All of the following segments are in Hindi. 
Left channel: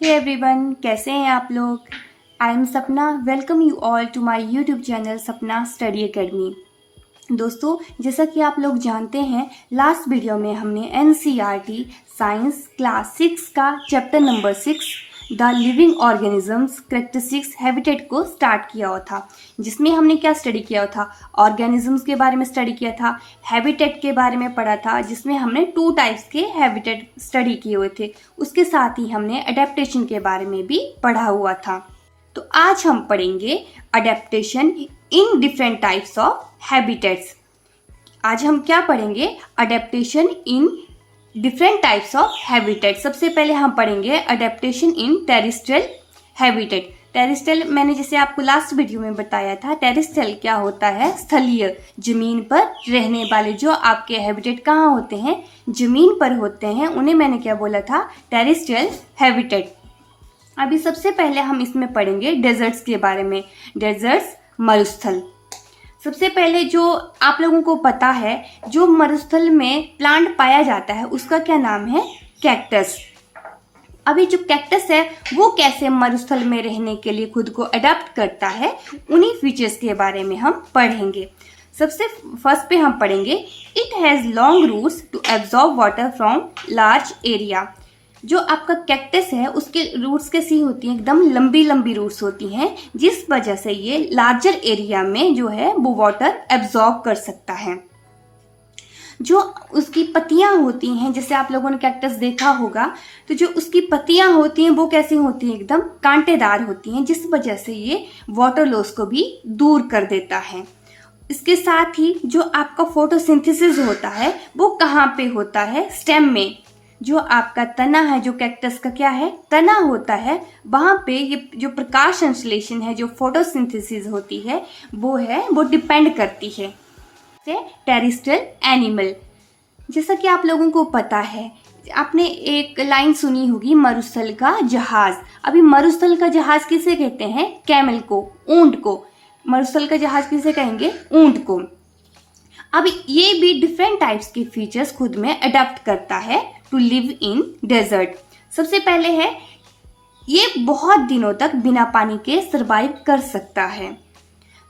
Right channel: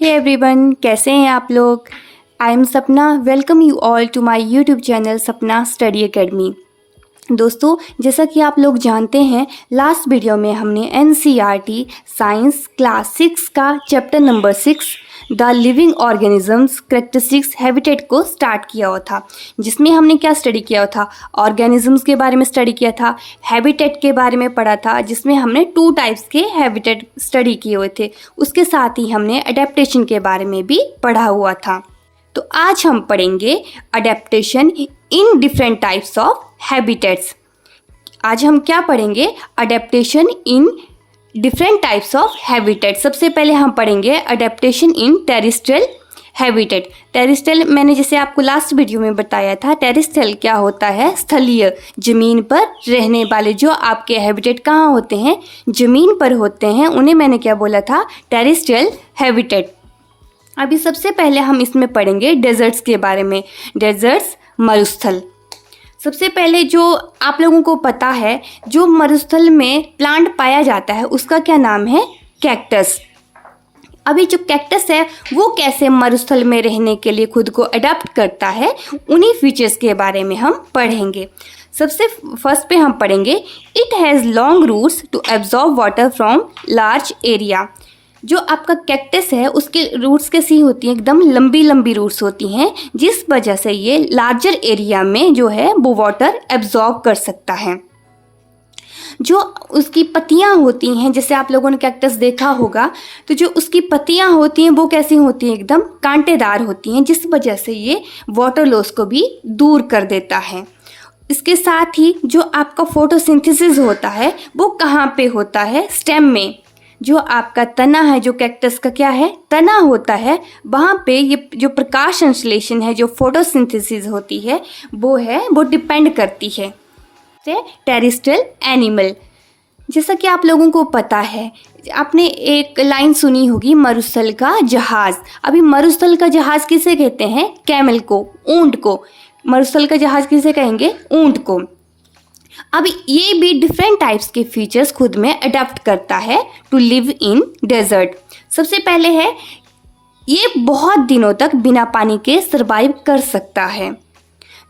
हे एवरीवन, कैसे हैं आप लोग। I am Sapna. Welcome you all to my YouTube channel Sapna study academy. दोस्तों, जैसा कि आप लोग जानते हैं, लास्ट वीडियो में हमने एनसीईआरटी साइंस क्लास 6 का chapter number 6 the living organisms characteristics habitat को स्टार्ट किया हुआ था, जिसमें हमने क्या स्टडी किया हुआ था, ऑर्गेनिजम्स के बारे में स्टडी किया था, हैबिटेट के बारे में पढ़ा था, जिसमें हमने 2 टाइप्स के हैबिटेट स्टडी किए हुए थे। उसके साथ ही हमने अडेप्टेशन के बारे में भी पढ़ा हुआ था। तो आज हम पढ़ेंगे adaptation in different types of habitats. आज हम क्या पढ़ेंगे? Adaptation in different types of habitat. सबसे पहले हम पढ़ेंगे adaptation in terrestrial habitat. Terrestrial मैंने जैसे आपको लास्ट वीडियो में बताया था, टेरेस्ट्रियल क्या होता है? स्थलीय, जमीन पर रहने वाले जो आपके हैबिटेट कहाँ होते हैं? जमीन पर होते हैं। उन्हें मैंने क्या बोला था? Terrestrial habitat. अभी सबसे पहले हम इसमें पढ़ेंगे डेजर्ट्स के बारे में। डेजर्ट्स, मरुस्थल। सबसे पहले जो आप लोगों को पता है, जो मरुस्थल में प्लांट पाया जाता है उसका क्या नाम है? कैक्टस। अभी जो कैक्टस है वो कैसे मरुस्थल में रहने के लिए खुद को अडॉप्ट करता है, उन्हीं फीचर्स के बारे में हम पढ़ेंगे। सबसे फर्स्ट पे हम पढ़ेंगे it has long roots to absorb water from large area. जो आपका कैक्टस है उसके रूट्स कैसी होती हैं? एकदम लंबी लंबी रूट्स होती हैं, जिस वजह से ये लार्जर एरिया में जो है वो वाटर एब्जॉर्ब कर सकता है। जो उसकी पत्तियां होती हैं, जैसे आप लोगों ने कैक्टस देखा होगा, तो जो उसकी पत्तियां होती हैं वो कैसी होती हैं? एकदम कांटेदार होती हैं, जिस वजह से ये वाटर लॉस को भी दूर कर देता है। इसके साथ ही जो आपका फोटोसिंथेसिस होता है वो कहाँ पे होता है? स्टेम में। जो आपका तना है, जो कैक्टस का क्या है? तना होता है, वहाँ पे ये जो प्रकाश संश्लेषण है, जो फोटोसिंथेसिस होती है, वो डिपेंड करती है। टेरेस्ट्रियल एनिमल, जैसा कि आप लोगों को पता है, आपने एक लाइन सुनी होगी, मरुस्थल का जहाज। अभी मरुस्थल का जहाज किसे कहते हैं? कैमल को, ऊंट को। मरुस्थल का जहाज किसे कहेंगे? ऊंट को। अब ये भी डिफरेंट टाइप्स के फीचर्स खुद में अडॉप्ट करता है टू लिव इन डेजर्ट। सबसे पहले है, ये बहुत दिनों तक बिना पानी के सरवाइव कर सकता है।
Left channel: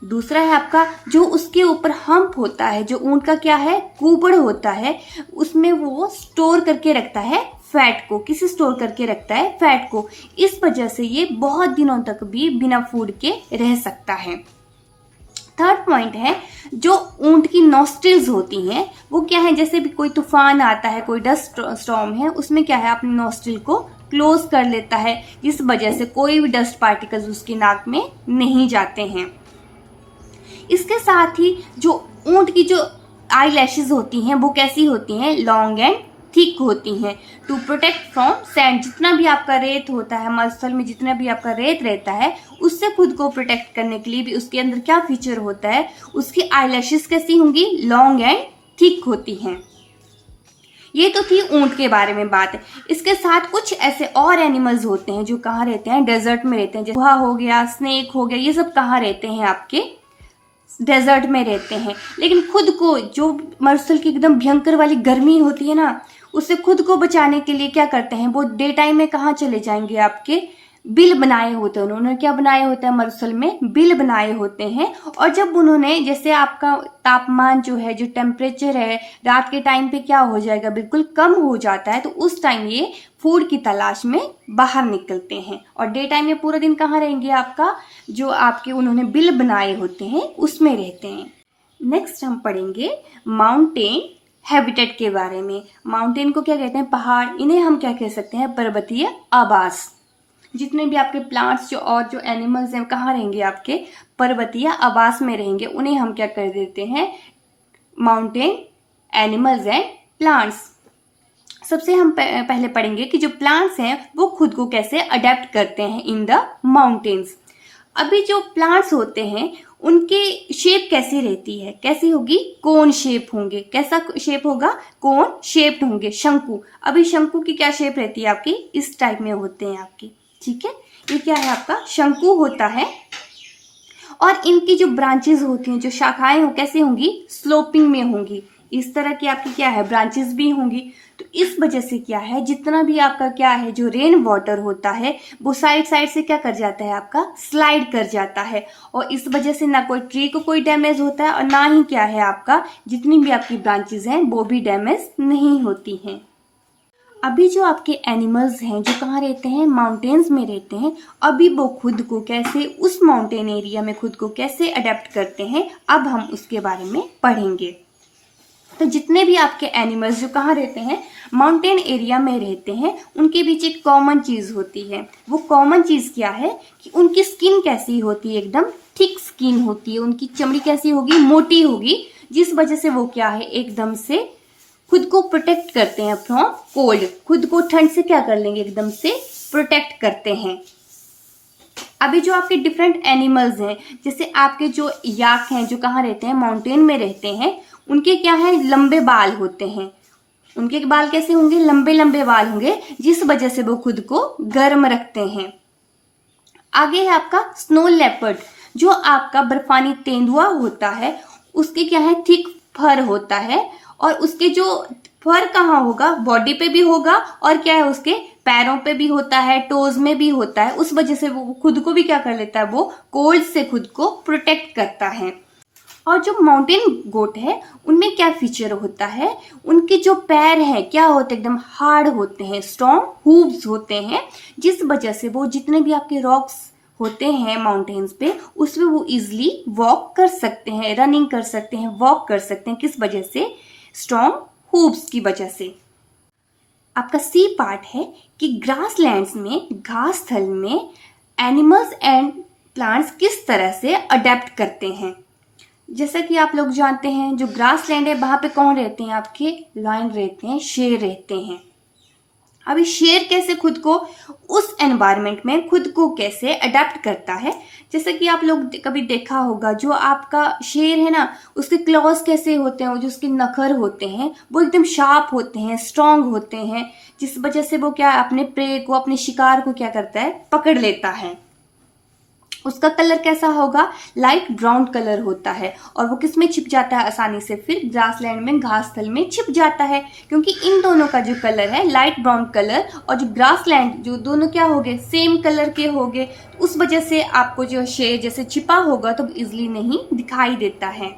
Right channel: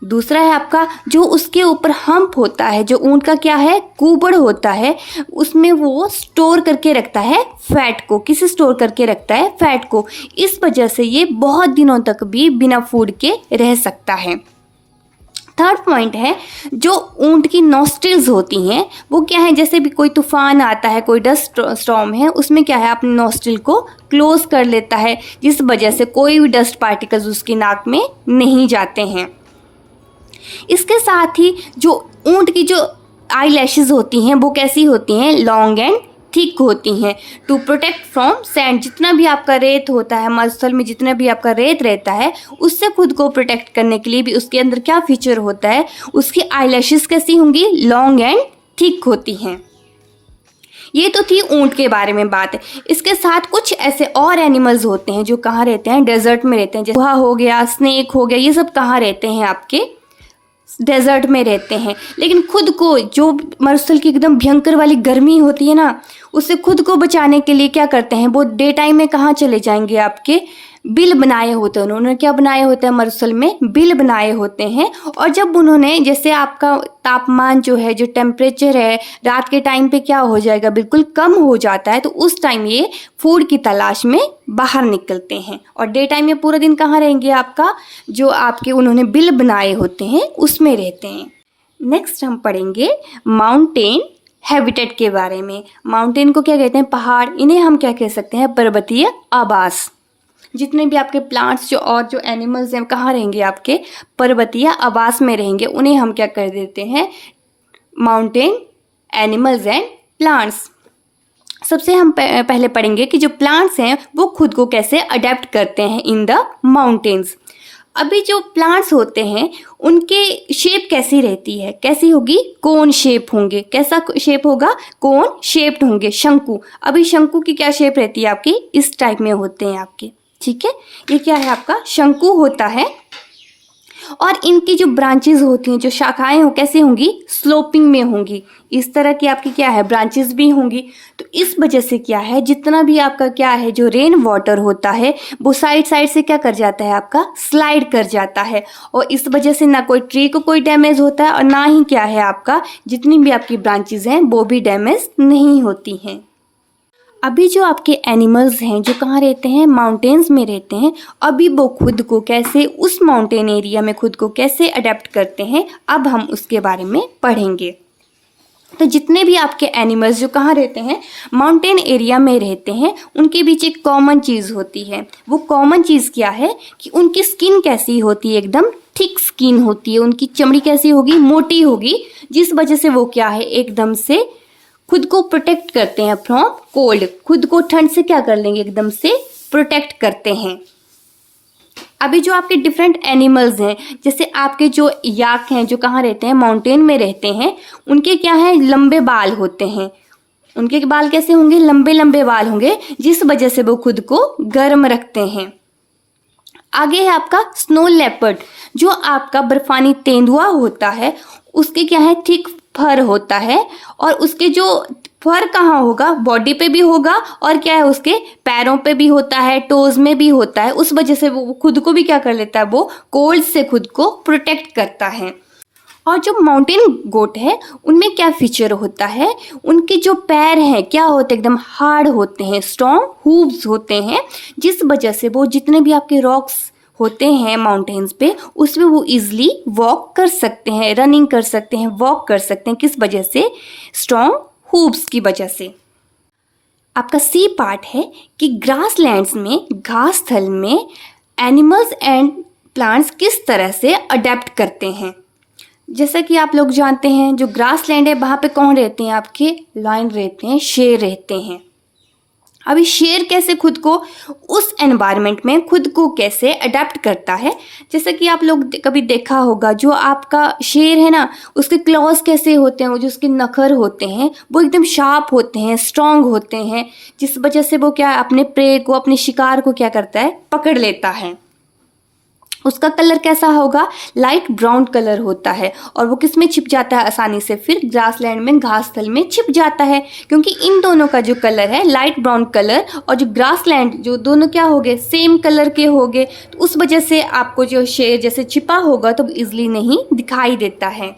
दूसरा है आपका, जो उसके ऊपर हम्प होता है, जो ऊंट का क्या है? कुबड़ होता है, उसमें वो स्टोर करके रखता है फैट को। किसे स्टोर करके रखता है? फैट को। इस वजह से ये बहुत दिनों तक भी बिना फूड के रह सकता है। थर्ड पॉइंट है, जो ऊंट की नॉस्ट्रिल्स होती हैं वो क्या है? जैसे भी कोई तूफान आता है, कोई डस्ट स्टॉर्म है, उसमें क्या है? अपने नॉस्ट्रिल को क्लोज कर लेता है, जिस वजह से कोई भी डस्ट पार्टिकल्स उसकी नाक में नहीं जाते हैं। इसके साथ ही जो ऊंट की जो आई लैशेज होती हैं वो कैसी होती हैं? लॉन्ग एंड थिक होती हैं, टू प्रोटेक्ट फ्रॉम सैंड। जितना भी आपका रेत होता है मरुस्थल में, जितना भी आपका रेत रहता है, उससे खुद को प्रोटेक्ट करने के लिए भी उसके अंदर क्या फीचर होता है? उसकी आईलैशेस कैसी होंगी? लॉन्ग एंड थिक होती हैं। ये तो थी ऊंट के बारे में बात। इसके साथ कुछ ऐसे और एनिमल्स होते हैं जो कहाँ रहते हैं? डेजर्ट में रहते हैं। जैसे चूहा हो गया, स्नेक हो गया, ये सब कहाँ रहते हैं? आपके डेजर्ट में रहते हैं। लेकिन खुद को, जो मरुस्थल की एकदम भयंकर वाली गर्मी होती है ना, उससे खुद को बचाने के लिए क्या करते हैं? वो डे टाइम में कहाँ चले जाएंगे? आपके बिल बनाए होते हैं। उन्होंने क्या बनाए होते हैं? मरुस्थल में बिल बनाए होते हैं। और जब उन्होंने, जैसे आपका तापमान जो है, जो टेम्परेचर है, रात के टाइम पे क्या हो जाएगा? बिल्कुल कम हो जाता है। तो उस टाइम ये फूड की तलाश में बाहर निकलते हैं। और डे टाइम में पूरा दिन कहाँ रहेंगे? आपका जो आपके उन्होंने बिल बनाए होते हैं उसमें रहते हैं। नेक्स्ट हम पढ़ेंगे माउंटेन हैबिटेट के बारे में। माउंटेन को क्या कहते हैं? पहाड़। इन्हें हम क्या कह सकते हैं? पर्वतीय आवास। जितने भी आपके प्लांट्स जो एनिमल्स हैं कहाँ रहेंगे? आपके पर्वतीय आवास में रहेंगे। उन्हें हम क्या कर देते हैं? Mountain animals and plants. सबसे हम पहले पढ़ेंगे कि जो प्लांट्स हैं वो खुद को कैसे अडेप्ट करते हैं इन द माउंटेन्स। अभी जो प्लांट्स होते हैं उनके शेप कैसी रहती है? कैसी होगी? कोन शेप होंगे। कैसा शेप होगा? कोन शेप्ड होंगे, शंकु। अभी शंकु की क्या शेप रहती है आपकी? इस टाइप में होते हैं आपके, ठीक है। ये क्या है? आपका शंकु होता है। और इनकी जो ब्रांचेस होती हैं, जो शाखाएं हो, कैसी होंगी? स्लोपिंग में होंगी। इस तरह की आपकी क्या है ब्रांचेस भी होंगी। तो इस वजह से क्या है जितना भी आपका क्या है जो रेन वाटर होता है वो साइड साइड से क्या कर जाता है आपका स्लाइड कर जाता है, और इस वजह से ना कोई ट्री को कोई डैमेज होता है और ना ही क्या है आपका जितनी भी आपकी ब्रांचेस हैं वो भी डैमेज नहीं होती हैं। अभी जो आपके एनिमल्स हैं जो कहाँ रहते हैं माउंटेन्स में रहते हैं, अभी वो खुद को कैसे उस माउंटेन एरिया में खुद को कैसे अडेप्ट करते हैं अब हम उसके बारे में पढ़ेंगे। तो जितने भी आपके एनिमल्स जो कहाँ रहते हैं माउंटेन एरिया में रहते हैं उनके बीच एक कॉमन चीज़ होती है। वो कॉमन चीज़ क्या है कि उनकी स्किन कैसी होती है, एकदम थिक स्किन होती है, उनकी चमड़ी कैसी होगी मोटी होगी, जिस वजह से वो क्या है एकदम से खुद को प्रोटेक्ट करते हैं फ्रॉम कोल्ड, खुद को ठंड से क्या कर लेंगे एकदम से प्रोटेक्ट करते हैं। अभी जो आपके डिफरेंट एनिमल्स हैं जैसे आपके जो याक हैं जो कहाँ रहते हैं माउंटेन में रहते हैं, उनके क्या है लंबे बाल होते हैं। उनके बाल कैसे होंगे लंबे लंबे बाल होंगे, जिस वजह से वो खुद को गर्म रखते हैं। आगे है आपका स्नो लेपर्ड, जो आपका बर्फानी तेंदुआ होता है उसके क्या है थिक फर होता है, और उसके जो फर कहाँ होगा बॉडी पे भी होगा और क्या है उसके पैरों पे भी होता है, टोज में भी होता है, उस वजह से वो खुद को भी क्या कर लेता है वो कोल्ड से खुद को प्रोटेक्ट करता है। और जो माउंटेन गोट है उनमें क्या फीचर होता है, उनके जो पैर हैं क्या होते हैं एकदम हार्ड होते हैं, स्ट्रॉन्ग हूव्स होते हैं, जिस वजह से वो जितने भी आपके रॉक्स होते हैं माउंटेन्स पे उसमें वो इजीली वॉक कर सकते हैं, रनिंग कर सकते हैं, वॉक कर सकते हैं, किस वजह से स्ट्रॉन्ग हूव्स की वजह से। आपका सी पार्ट है कि ग्रास लैंड्स में घास थल में एनिमल्स एंड प्लांट्स किस तरह से अडेप्ट करते हैं। जैसा कि आप लोग जानते हैं जो ग्रास लैंड है वहाँ पे कौन रहते हैं आपके लायन रहते हैं, शेर रहते हैं। अभी शेर कैसे खुद को उस एनवायरनमेंट में खुद को कैसे अडेप्ट करता है, जैसे कि आप लोग कभी देखा होगा जो आपका शेर है ना उसके क्लॉज कैसे होते हैं, वो जो उसके नखर होते हैं वो एकदम शार्प होते हैं, स्ट्रांग होते हैं, जिस वजह से वो क्या अपने प्रे को अपने शिकार को क्या करता है पकड़ लेता है। उसका कलर कैसा होगा लाइट ब्राउन कलर होता है, और वो किस में छिप जाता है आसानी से फिर ग्रासलैंड में घास थल में छिप जाता है, क्योंकि इन दोनों का जो कलर है लाइट ब्राउन कलर और जो ग्रासलैंड जो दोनों क्या हो गए सेम कलर के हो गए, तो उस वजह से आपको जो शेर जैसे छिपा होगा तो इजिली नहीं दिखाई देता है।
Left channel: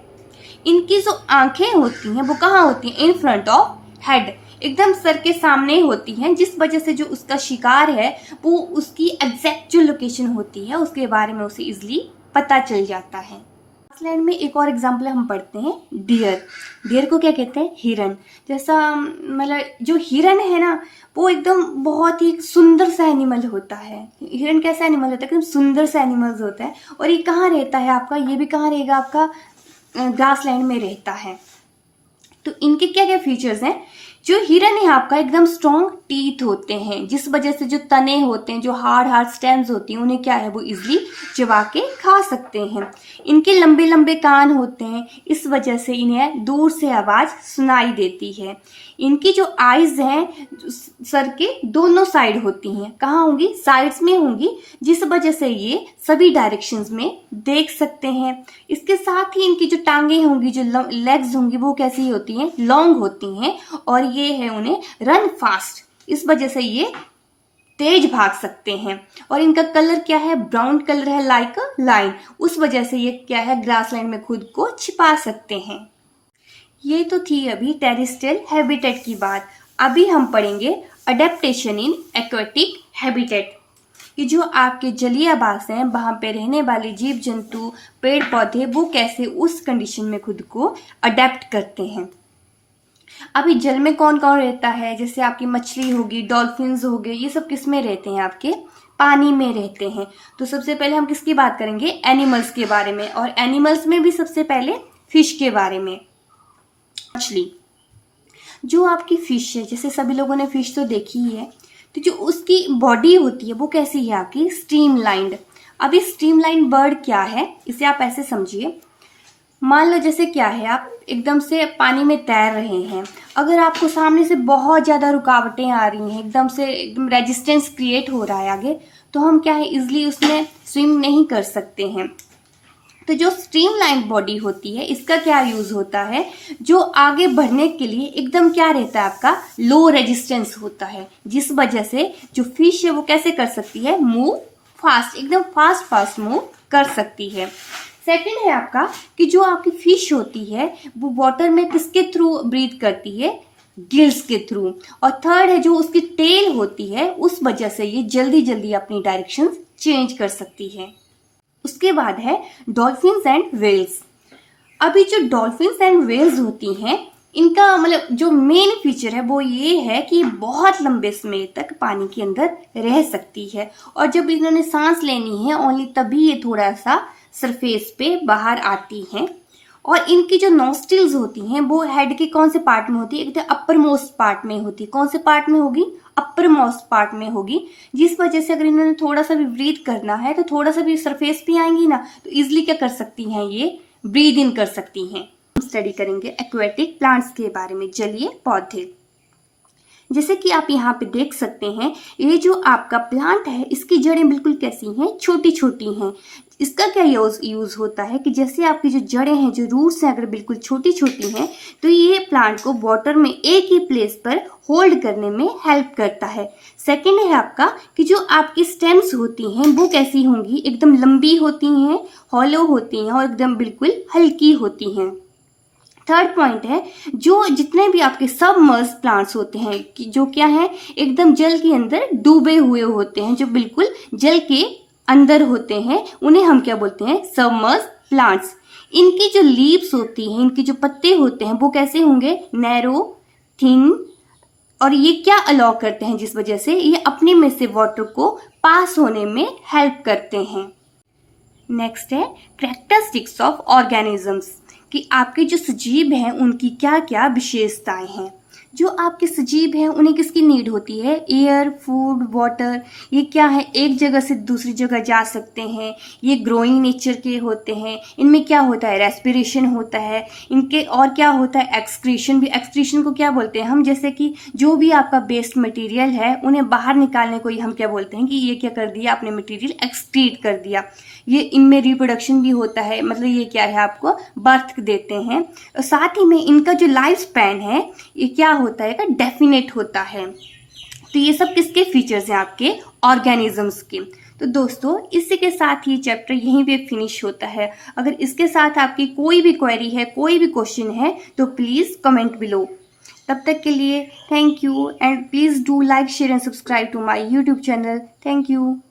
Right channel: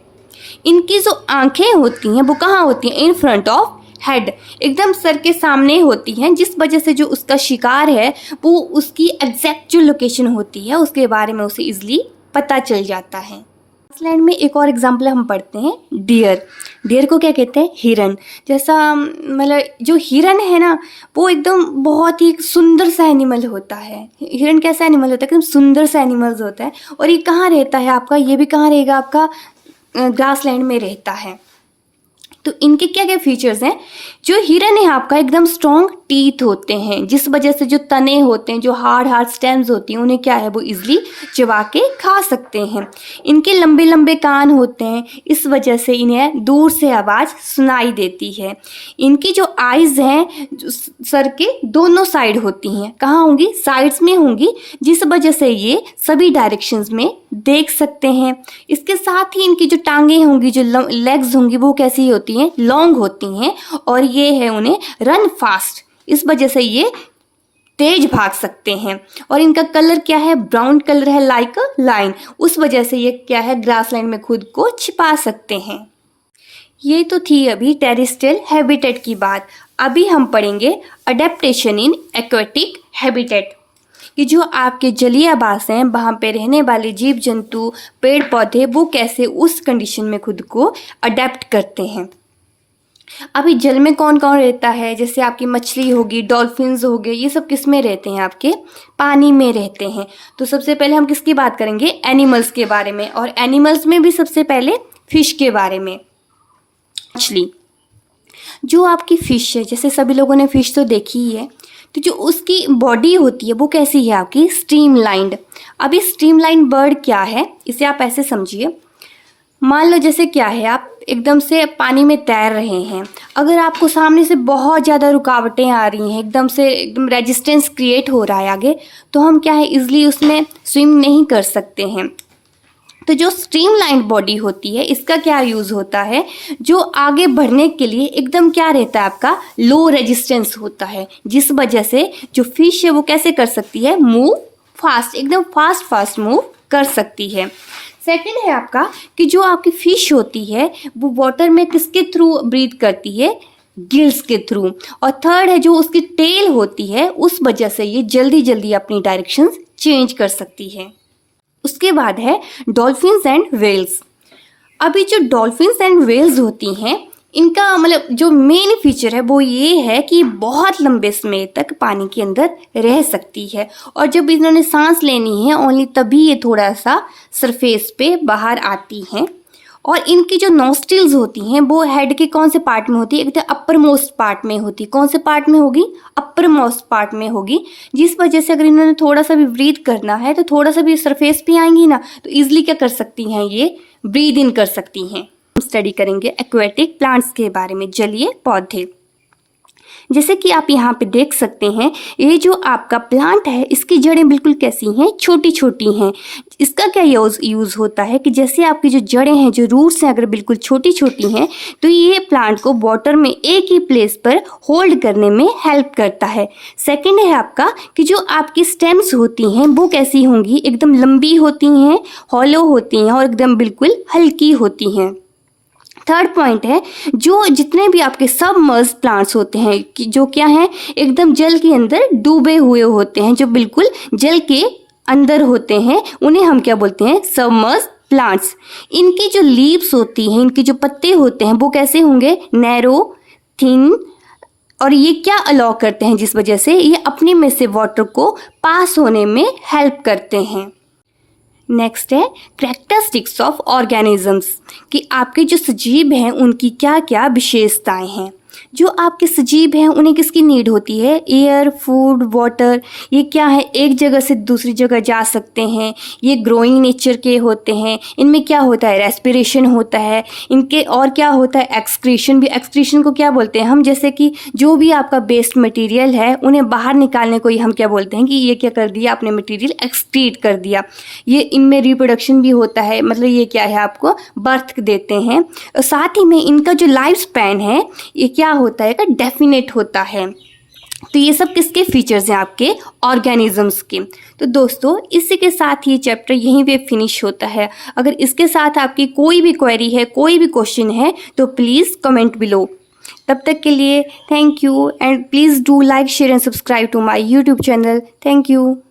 इनकी जो आंखें होती हैं वो कहाँ होती हैं इन फ्रंट ऑफ हेड, एकदम सर के सामने होती हैं, जिस वजह से जो उसका शिकार है वो उसकी एग्जैक्ट जो लोकेशन होती है उसके बारे में उसे इजीली पता चल जाता है। ग्रासलैंड में एक और एग्जांपल हम पढ़ते हैं डियर। डियर को क्या कहते हैं हिरन। जैसा मतलब जो हिरन है ना वो एकदम बहुत ही सुंदर सा एनिमल होता है। हिरन कैसा एनिमल होता है एकदम सुंदर सा एनिमल होता है, और ये कहाँ रहता है आपका, ये भी कहाँ रहेगा आपका ग्रासलैंड में रहता है। तो इनके क्या क्या फीचर्स हैं, जो हिरन है आपका एकदम स्ट्रॉन्ग टीथ होते हैं, जिस वजह से जो तने होते हैं जो हार्ड स्टेम्स होती हैं उन्हें क्या है वो इजीली चबा के खा सकते हैं। इनके लंबे लंबे कान होते हैं, इस वजह से इन्हें दूर से आवाज़ सुनाई देती है। इनकी जो आइज़ हैं सर के दोनों साइड होती हैं, कहाँ होंगी साइड्स में होंगी, जिस वजह से ये सभी डायरेक्शंस में देख सकते हैं। इसके साथ ही इनकी जो टांगें होंगी जो लेग्स होंगी वो कैसी होती हैं लॉन्ग होती हैं, और ये है उन्हें रन फास्ट, इस वजह से ये तेज भाग सकते हैं। और इनका कलर क्या है ब्राउन कलर है लाइक अ लाइन, उस वजह से ये क्या है ग्रासलैंड में खुद को छिपा सकते हैं। ये तो थी अभी टेरेस्ट्रियल हैबिटेट की बात। अभी हम पढ़ेंगे अडेप्टेशन इन एक्वेटिक हैबिटेट, कि जो आपके जलीय आवास हैं वहाँ पे रहने वाले जीव जंतु पेड़ पौधे वो कैसे उस कंडीशन में खुद को अडेप्ट करते हैं। अभी जल में कौन कौन रहता है, जैसे आपकी मछली होगी, डॉल्फिन्स हो गए, ये सब किस में रहते हैं आपके पानी में रहते हैं। तो सबसे पहले हम किसकी बात करेंगे एनिमल्स के बारे में, और एनिमल्स में भी सबसे पहले फिश के बारे में। मछली जो आपकी फिश है, जैसे सभी लोगों ने फिश तो देखी ही है, तो जो उसकी बॉडी होती है वो कैसी है आपकी स्ट्रीमलाइंड। अभी स्ट्रीमलाइन बर्ड क्या है इसे आप ऐसे समझिए, मान लो जैसे क्या है आप एकदम से पानी में तैर रहे हैं, अगर आपको सामने से बहुत ज़्यादा रुकावटें आ रही हैं, एकदम रेजिस्टेंस क्रिएट हो रहा है आगे, तो हम क्या है इजीली उसमें स्विम नहीं कर सकते हैं। तो तो जो स्ट्रीमलाइन बॉडी होती है इसका क्या यूज़ होता है, जो आगे बढ़ने के लिए एकदम क्या रहता है आपका लो रेजिस्टेंस होता है, जिस वजह से जो फिश है वो कैसे कर सकती है, मूव फास्ट, एकदम फास्ट मूव कर सकती है। सेकंड है आपका कि जो आपकी फिश होती है वो वाटर में किसके थ्रू ब्रीथ करती है, गिल्स के थ्रू। और थर्ड है जो उसकी टेल होती है, उस वजह से ये जल्दी जल्दी अपनी डायरेक्शंस चेंज कर सकती है। उसके बाद है डॉल्फिन्स एंड व्हेल्स। अभी जो डॉल्फिन्स एंड व्हेल्स होती हैं इनका मतलब जो मेन फीचर है वो ये है कि बहुत लंबे समय तक पानी के अंदर रह सकती है, और जब इन्होंने सांस लेनी है ओनली तभी ये थोड़ा सा सरफेस पे बाहर आती हैं। और इनकी जो नॉस्ट्रिल्स होती हैं वो हेड के कौन से पार्ट में होती है, एक तो अपर मोस्ट पार्ट में होती है। कौन से पार्ट में होगी, अपर मोस्ट पार्ट में होगी, जिस वजह से अगर इन्होंने थोड़ा सा भी ब्रीथ करना है तो थोड़ा सा भी सरफेस पे आएंगी ना तो इजिली क्या कर सकती हैं, ये ब्रीद इन कर सकती हैं। स्टडी करेंगे एक्वेटिक प्लांट्स के बारे में, जलीय पौधे। जैसे कि आप यहाँ पे देख सकते हैं ये जो आपका प्लांट है इसकी जड़ें बिल्कुल कैसी हैं, छोटी छोटी हैं। इसका क्या यूज़ होता है कि जैसे आपकी जो जड़ें हैं, जो रूट्स हैं, अगर बिल्कुल छोटी छोटी हैं तो ये प्लांट को वाटर में एक ही प्लेस पर होल्ड करने में हेल्प करता है। सेकेंड है आपका कि जो आपकी स्टेम्स होती हैं वो कैसी होंगी, एकदम लंबी होती हैं, हॉलो होती हैं और एकदम बिल्कुल हल्की होती हैं। थर्ड पॉइंट है जो जितने भी आपके सबमर्ज प्लांट्स होते हैं कि जो क्या हैं, एकदम जल के अंदर डूबे हुए होते हैं, जो बिल्कुल जल के अंदर होते हैं, उन्हें हम क्या बोलते हैं, सबमर्ज प्लांट्स। इनकी जो लीव्स होती हैं, इनके जो पत्ते होते हैं वो कैसे होंगे, नैरो, थिन, और ये क्या अलाउ करते हैं, जिस वजह से ये अपने में से वाटर को पास होने में हेल्प करते हैं। नेक्स्ट है कैरेक्टरिस्टिक्स ऑफ ऑर्गेनिजम्स, कि आपके जो सजीव हैं उनकी क्या क्या विशेषताएं हैं। जो आपके सजीव हैं उन्हें किसकी नीड होती है, एयर, फूड, वाटर। ये क्या है, एक जगह से दूसरी जगह जा सकते हैं, ये ग्रोइंग नेचर के होते हैं। इनमें क्या होता है, रेस्पिरेशन होता है इनके, और क्या होता है, एक्सक्रीशन भी। एक्सक्रीशन को क्या बोलते हैं हम, जैसे कि जो भी आपका वेस्ट मटेरियल है उन्हें बाहर निकालने को ही हम क्या बोलते हैं कि ये क्या कर दिया, अपने मटेरियल एक्सक्रीट कर दिया। ये इनमें रिप्रोडक्शन भी होता है, मतलब ये क्या है, आपको बर्थ देते हैं। साथ ही में इनका जो लाइफ स्पैन है ये क्या होता है, डेफिनेट होता है। तो ये सब किसके फीचर्स हैं, आपके ऑर्गेनिजम्स के। तो दोस्तों इसी के साथ ये चैप्टर यहीं पे फिनिश होता है। अगर इसके साथ आपकी कोई भी क्वेरी है, कोई भी क्वेश्चन है तो प्लीज़ कमेंट बिलो। तब तक के लिए thank you, and please do like, share and subscribe to my YouTube channel. Thank you.